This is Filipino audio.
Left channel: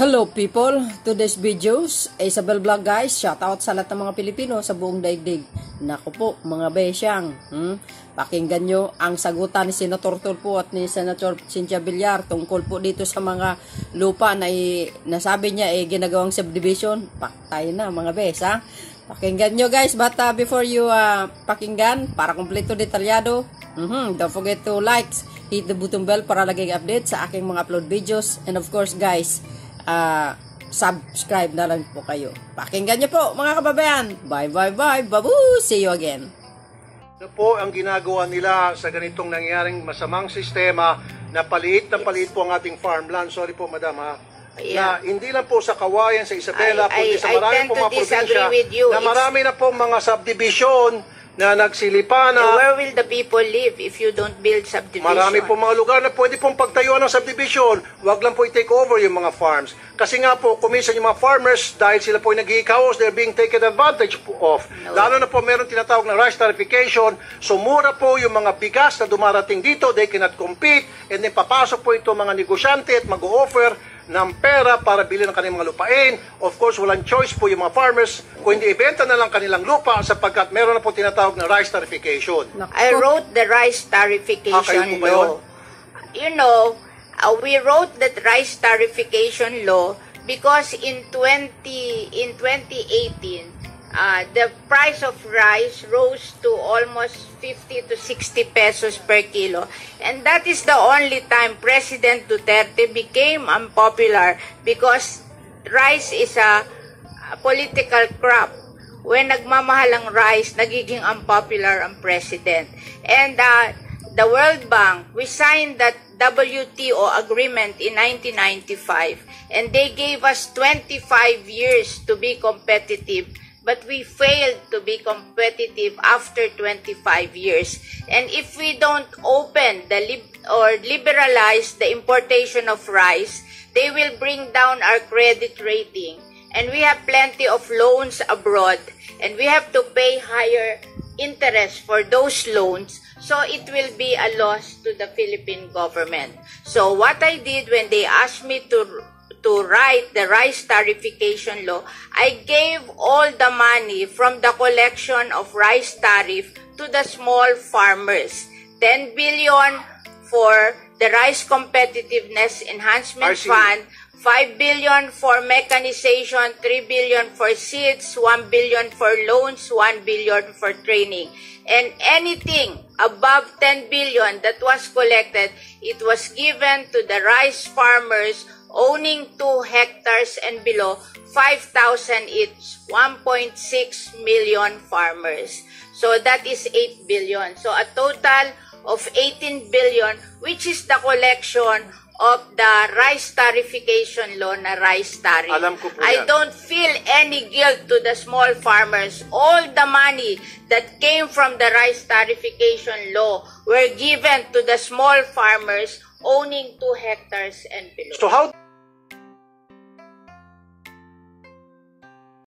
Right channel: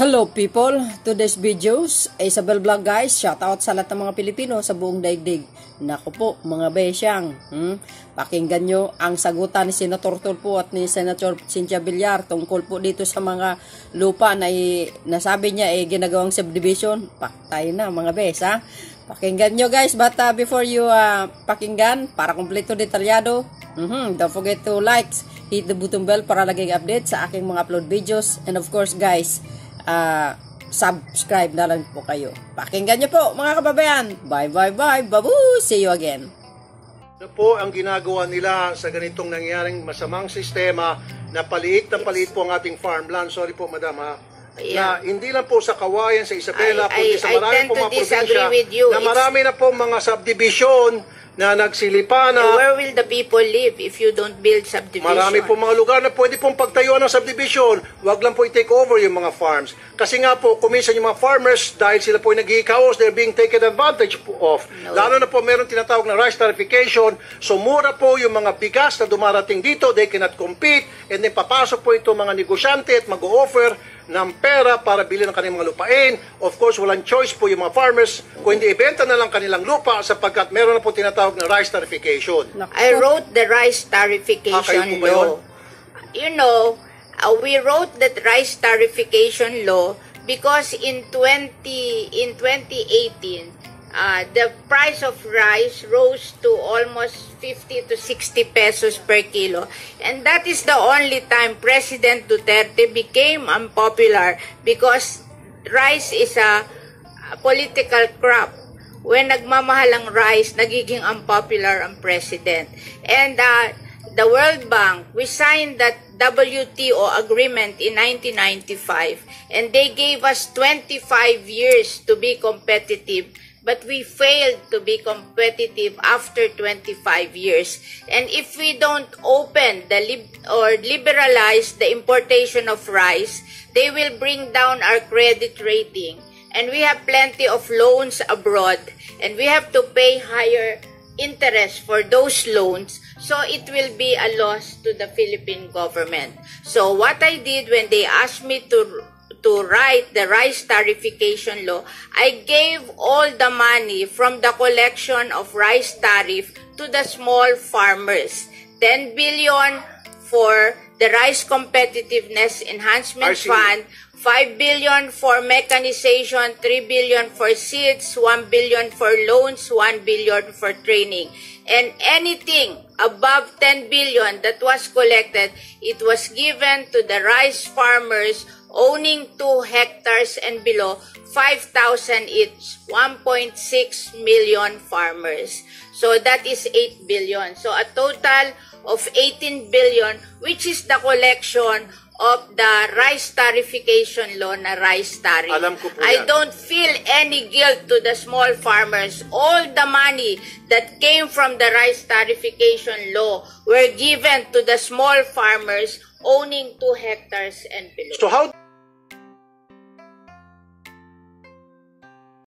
Hello people, today's videos Isabel Vlog guys, shoutout sa lahat ng mga Pilipino sa buong daigdig. Naku po mga besyang, pakinggan nyo ang sagutan ni Senator Tulfo at ni Senator Cynthia Villar tungkol po dito sa mga lupa na nasabi niya ginagawang subdivision. Paktay na mga bes ha. Pakinggan nyo guys, but before you pakinggan, para kompleto detalyado, don't forget to like, hit the button bell para laging update sa aking mga upload videos, and of course guys, subscribe na lang po kayo. Pakinggan nyo po mga kababayan. Bye bye bye, babu, see you again. Ito po ang ginagawa nila sa ganitong nangyaring masamang sistema na paliit po ang ating farmland. Sorry po madam ha. Yeah. Na hindi lang po sa Kawayan, sa Isabela, kundi sa marami po mga probinsya na marami na po mga subdivision na nagsilipan na. Where will the people live if you don't build subdivision? Marami po mga lugar na pwede pong pagtayuan ng subdivision. Huwag lang po i-take over yung mga farms. Kasi nga po, kuminsan yung mga farmers, dahil sila po nag-i-chaos, they're being taken advantage of. No. Lalo na po meron tinatawag na rice tarification. So mura po yung mga bigas na dumarating dito, they cannot compete, and then papasok po ito mga negosyante at mag-o-offer ng pera para bilhin ng kanilang mga lupain. Of course, walang choice po yung mga farmers kung hindi ibenta na lang kanilang lupa sapagkat meron na po tinatawag na rice tarification. I wrote the rice tarification law. You know, we wrote that rice tarification law because in 2018, the price of rice rose to almost 50 to 60 pesos per kilo. And that is the only time President Duterte became unpopular because rice is a political crop. When nagmamahal ang rice, nagiging unpopular ang president. And the World Bank, we signed that WTO agreement in 1995, and they gave us 25 years to be competitive. But we failed to be competitive after 25 years. And if we don't open or liberalize the importation of rice, they will bring down our credit rating. And we have plenty of loans abroad, and we have to pay higher interest for those loans. So it will be a loss to the Philippine government. So what I did when they asked me to write the rice tarification law, I gave all the money from the collection of rice tariff to the small farmers. 10 billion for the Rice Competitiveness Enhancement Fund, 5 billion for mechanization, 3 billion for seeds, 1 billion for loans, 1 billion for training. And anything above 10 billion that was collected, it was given to the rice farmers owning 2 hectares and below, 5,000 each, 1.6 million farmers. So that is 8 billion. So a total of 18 billion, which is the collection of the rice tarification law na rice tariff. Alam ko po I yan. don't feel any guilt to the small farmers. All the money that came from the rice tarification law were given to the small farmers owning 2 hectares and below. So how